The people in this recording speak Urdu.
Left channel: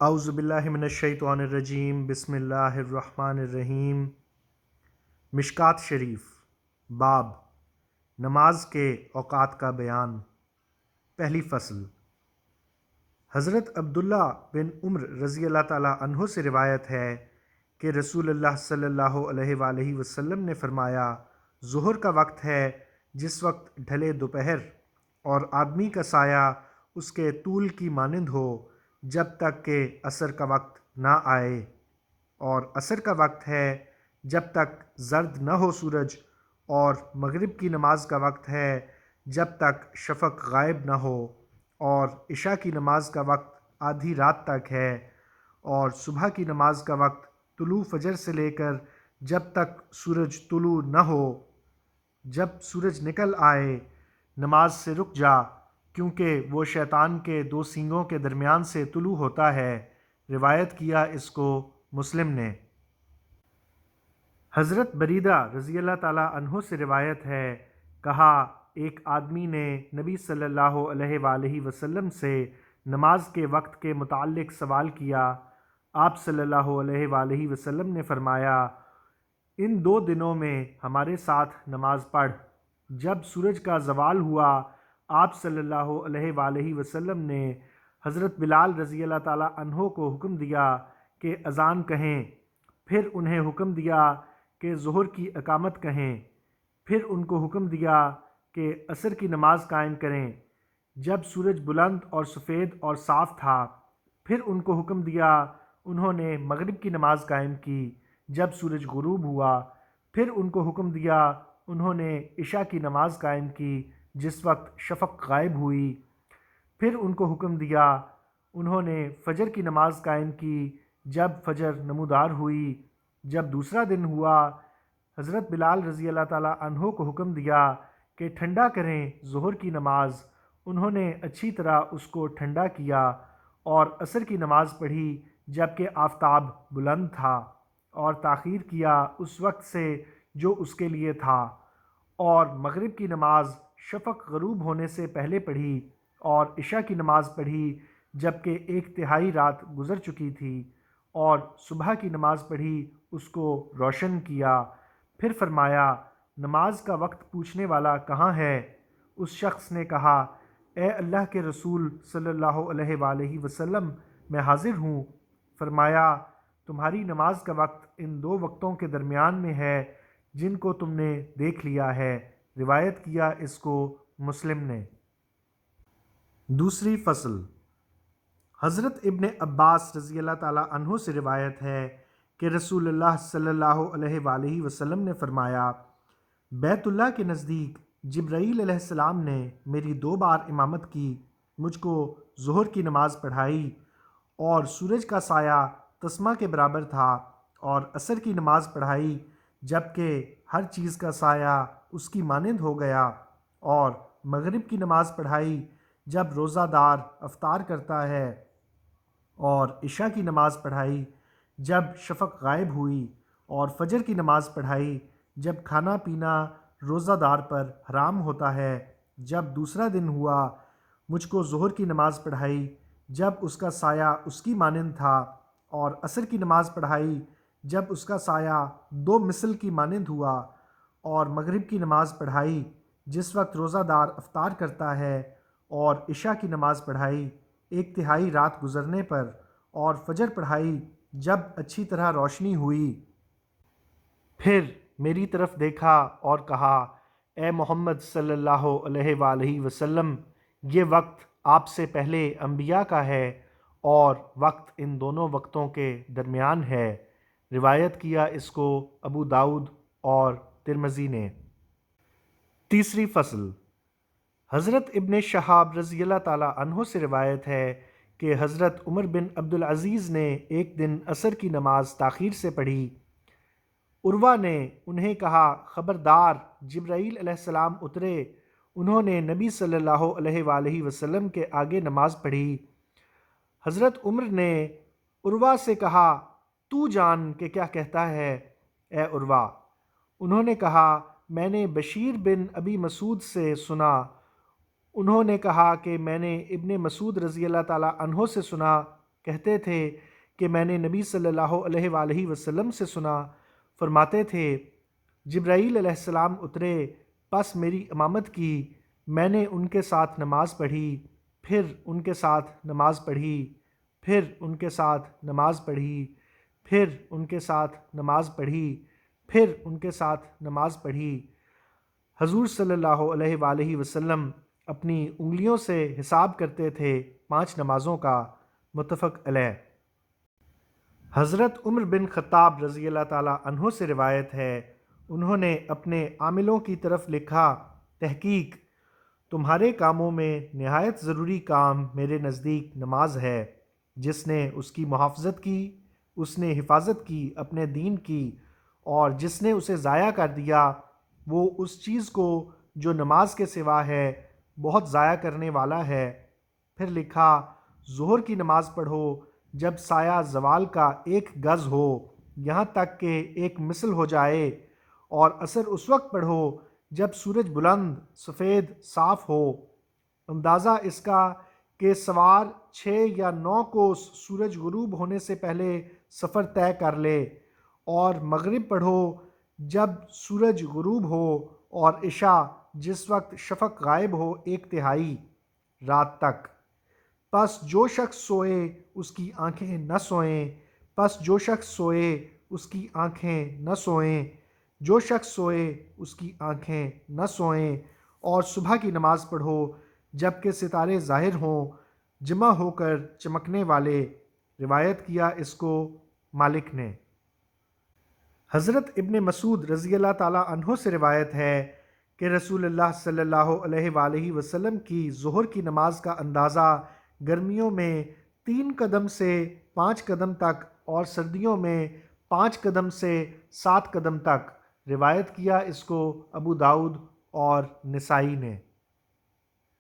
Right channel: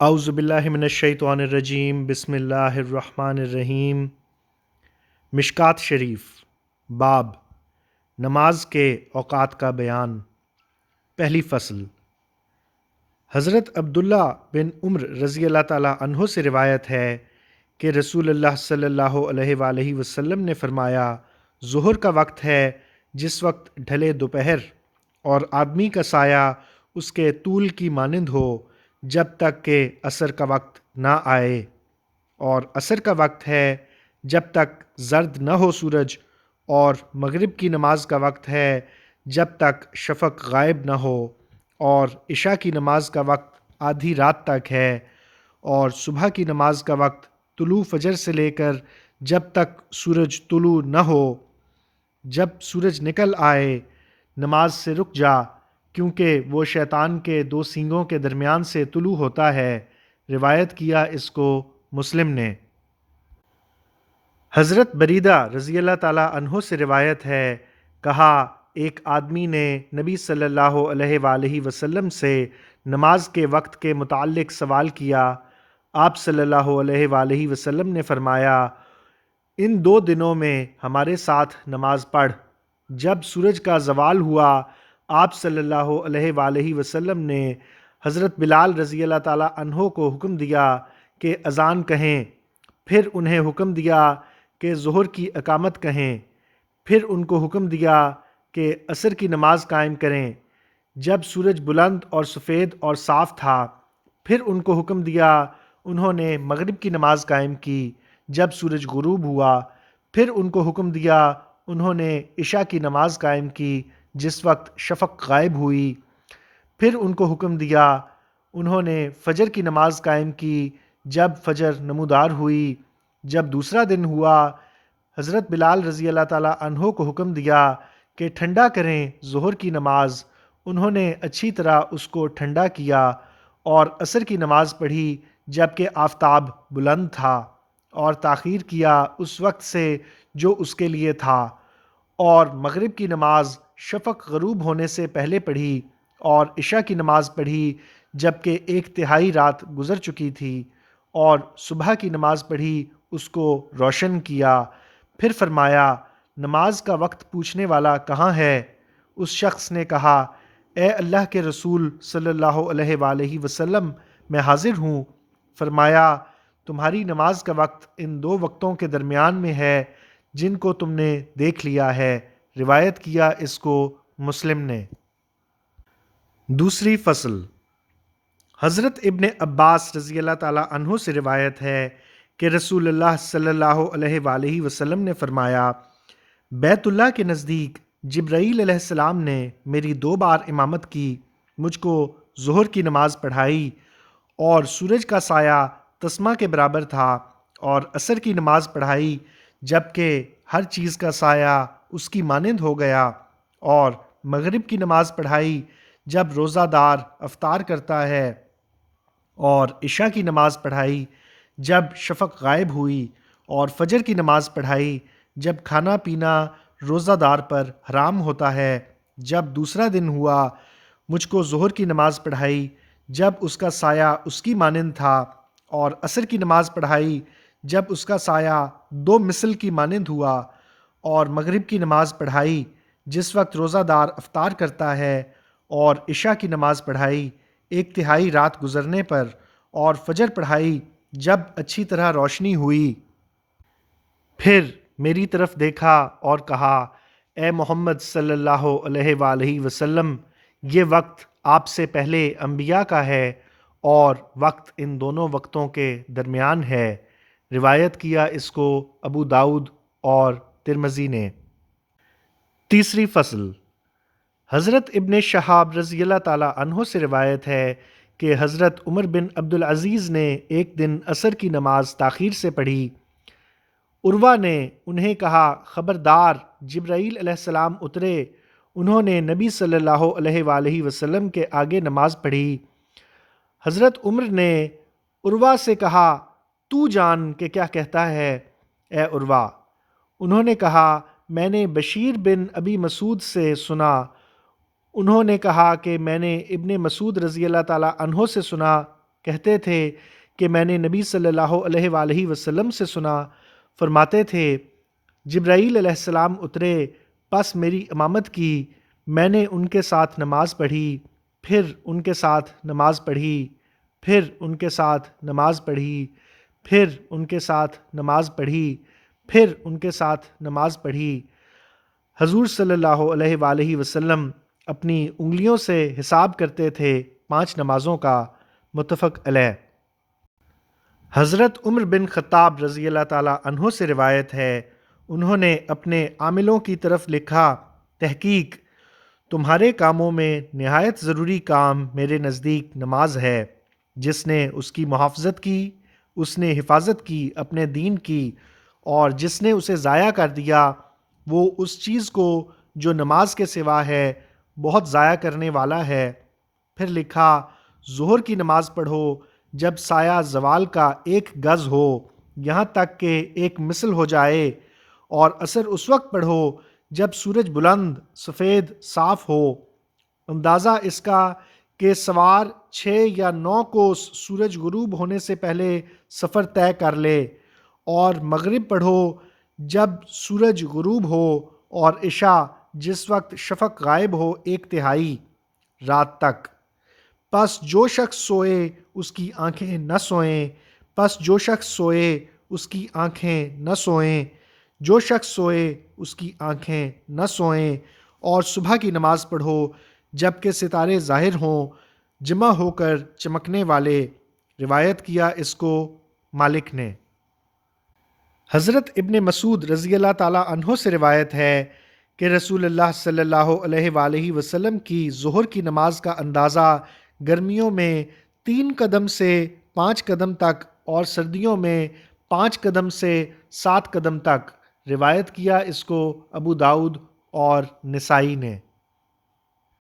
اعوذ باللہ من الشیطان الرجیم، بسم اللہ الرحمن الرحیم۔ مشکات شریف، باب نماز کے اوقات کا بیان۔ پہلی فصل۔ حضرت عبداللہ بن عمر رضی اللہ تعالیٰ عنہ سے روایت ہے کہ رسول اللہ صلی اللہ علیہ وآلہ وسلم نے فرمایا، ظہر کا وقت ہے جس وقت ڈھلے دوپہر اور آدمی کا سایہ اس کے طول کی مانند ہو جب تک کہ عصر کا وقت نہ آئے، اور عصر کا وقت ہے جب تک زرد نہ ہو سورج، اور مغرب کی نماز کا وقت ہے جب تک شفق غائب نہ ہو، اور عشاء کی نماز کا وقت آدھی رات تک ہے، اور صبح کی نماز کا وقت طلوع فجر سے لے کر جب تک سورج طلوع نہ ہو۔ جب سورج نکل آئے نماز سے رک جا، کیونکہ وہ شیطان کے دو سینگوں کے درمیان سے طلوع ہوتا ہے۔ روایت کیا اس کو مسلم نے۔ حضرت بریدہ رضی اللہ تعالیٰ عنہ سے روایت ہے، کہا ایک آدمی نے نبی صلی اللہ علیہ وآلہ وسلم سے نماز کے وقت کے متعلق سوال کیا۔ آپ صلی اللہ علیہ وآلہ وسلم نے فرمایا، ان 2 دنوں میں ہمارے ساتھ نماز پڑھ۔ جب سورج کا زوال ہوا، آپ صلی اللہ علیہ وآلہ وسلم نے حضرت بلال رضی اللہ تعالیٰ عنہ کو حکم دیا کہ اذان کہیں، پھر انہیں حکم دیا کہ ظہر کی اقامت کہیں، پھر ان کو حکم دیا کہ عصر کی نماز قائم کریں جب سورج بلند اور سفید اور صاف تھا، پھر ان کو حکم دیا، انہوں نے مغرب کی نماز قائم کی جب سورج غروب ہوا، پھر ان کو حکم دیا، انہوں نے عشاء کی نماز قائم کی جس وقت شفق غائب ہوئی، پھر ان کو حکم دیا، انہوں نے فجر کی نماز قائم کی جب فجر نمودار ہوئی۔ جب دوسرا دن ہوا، حضرت بلال رضی اللہ تعالیٰ عنہ کو حکم دیا کہ ٹھنڈا کریں ظہر کی نماز، انہوں نے اچھی طرح اس کو ٹھنڈا کیا اور عصر کی نماز پڑھی جب کہ آفتاب بلند تھا، اور تاخیر کیا اس وقت سے جو اس کے لیے تھا، اور مغرب کی نماز شفق غروب ہونے سے پہلے پڑھی، اور عشاء کی نماز پڑھی جب کہ 1/3 رات گزر چکی تھی، اور صبح کی نماز پڑھی، اس کو روشن کیا۔ پھر فرمایا، نماز کا وقت پوچھنے والا کہاں ہے؟ اس شخص نے کہا، اے اللہ کے رسول صلی اللہ علیہ وآلہ وسلم، میں حاضر ہوں۔ فرمایا، تمہاری نماز کا وقت ان 2 وقتوں کے درمیان میں ہے جن کو تم نے دیکھ لیا ہے۔ روایت کیا اس کو مسلم نے۔ دوسری فصل۔ حضرت ابن عباس رضی اللہ تعالیٰ عنہ سے روایت ہے کہ رسول اللہ صلی اللہ علیہ وآلہ وسلم نے فرمایا، بیت اللہ کے نزدیک جبرائیل علیہ السلام نے میری 2 بار امامت کی، مجھ کو ظہر کی نماز پڑھائی اور سورج کا سایہ تسمہ کے برابر تھا، اور عصر کی نماز پڑھائی جب کہ ہر چیز کا سایہ اس کی مانند ہو گیا، اور مغرب کی نماز پڑھائی جب روزہ دار افطار کرتا ہے، اور عشاء کی نماز پڑھائی جب شفق غائب ہوئی، اور فجر کی نماز پڑھائی جب کھانا پینا روزہ دار پر حرام ہوتا ہے۔ جب دوسرا دن ہوا، مجھ کو ظہر کی نماز پڑھائی جب اس کا سایہ اس کی مانند تھا، اور عصر کی نماز پڑھائی جب اس کا سایہ 2 مثل کی مانند ہوا، اور مغرب کی نماز پڑھائی جس وقت روزہ دار افطار کرتا ہے، اور عشاء کی نماز پڑھائی 1/3 رات گزرنے پر، اور فجر پڑھائی جب اچھی طرح روشنی ہوئی۔ پھر میری طرف دیکھا اور کہا، اے محمد صلی اللہ علیہ وآلہ وسلم، یہ وقت آپ سے پہلے انبیاء کا ہے، اور وقت ان دونوں وقتوں کے درمیان ہے۔ روایت کیا اس کو ابو داؤد اور ترمذی نے۔ تیسری فصل۔ حضرت ابن شہاب رضی اللہ تعالیٰ عنہ سے روایت ہے کہ حضرت عمر بن عبدالعزیز نے ایک دن عصر کی نماز تاخیر سے پڑھی۔ عروہ نے انہیں کہا، خبردار، جبرائیل علیہ السلام اترے، انہوں نے نبی صلی اللہ علیہ وآلہ وسلم کے آگے نماز پڑھی۔ حضرت عمر نے عروہ سے کہا، تو جان کہ کیا کہتا ہے اے عروہ؟ انہوں نے کہا، میں نے بشیر بن ابی مسعود سے سنا۔ انہوں نے کہا کہ میں نے ابن مسعود رضی اللہ تعالیٰ عنہ سے سنا، کہتے تھے کہ میں نے نبی صلی اللہ علیہ وآلہ وسلم سے سنا، فرماتے تھے جبرائیل علیہ السلام اترے، پس میری امامت کی، میں نے ان کے ساتھ نماز پڑھی، پھر ان کے ساتھ نماز پڑھی، پھر ان کے ساتھ نماز پڑھی، پھر ان کے ساتھ نماز پڑھی، پھر ان کے ساتھ نماز پڑھی۔ حضور صلی اللہ علیہ وآلہ وسلم اپنی انگلیوں سے حساب کرتے تھے 5 نمازوں کا، متفق علیہ۔ حضرت عمر بن خطاب رضی اللہ تعالیٰ عنہ سے روایت ہے، انہوں نے اپنے عاملوں کی طرف لکھا، تحقیق تمہارے کاموں میں نہایت ضروری کام میرے نزدیک نماز ہے۔ جس نے اس کی محافظت کی، اس نے حفاظت کی اپنے دین کی، اور جس نے اسے ضائع کر دیا وہ اس چیز کو جو نماز کے سوا ہے بہت ضائع کرنے والا ہے۔ پھر لکھا، ظہر کی نماز پڑھو جب سایہ زوال کا 1 گز ہو، یہاں تک کہ ایک مثل ہو جائے، اور عصر اس وقت پڑھو جب سورج بلند سفید صاف ہو، اندازہ اس کا کہ سوار 6 یا 9 کوس سورج غروب ہونے سے پہلے سفر طے کر لے، اور مغرب پڑھو جب سورج غروب ہو، اور عشاء جس وقت شفق غائب ہو 1/3 رات تک۔ پس جو شخص سوئے اس کی آنکھیں نہ سوئیں، پس جو شخص سوئے اس کی آنکھیں نہ سوئیں، جو شخص سوئے اس کی آنکھیں نہ سوئیں، اور صبح کی نماز پڑھو جب کہ ستارے ظاہر ہوں جمع ہو کر چمکنے والے۔ روایت کیا اس کو مالک نے۔ حضرت ابن مسعود رضی اللہ تعالیٰ عنہ سے روایت ہے کہ رسول اللہ صلی اللہ علیہ وآلہ وسلم کی ظہر کی نماز کا اندازہ گرمیوں میں 3 قدم سے 5 قدم تک، اور سردیوں میں 5 قدم سے 7 قدم تک۔ روایت کیا اس کو ابو داؤد اور نسائی نے۔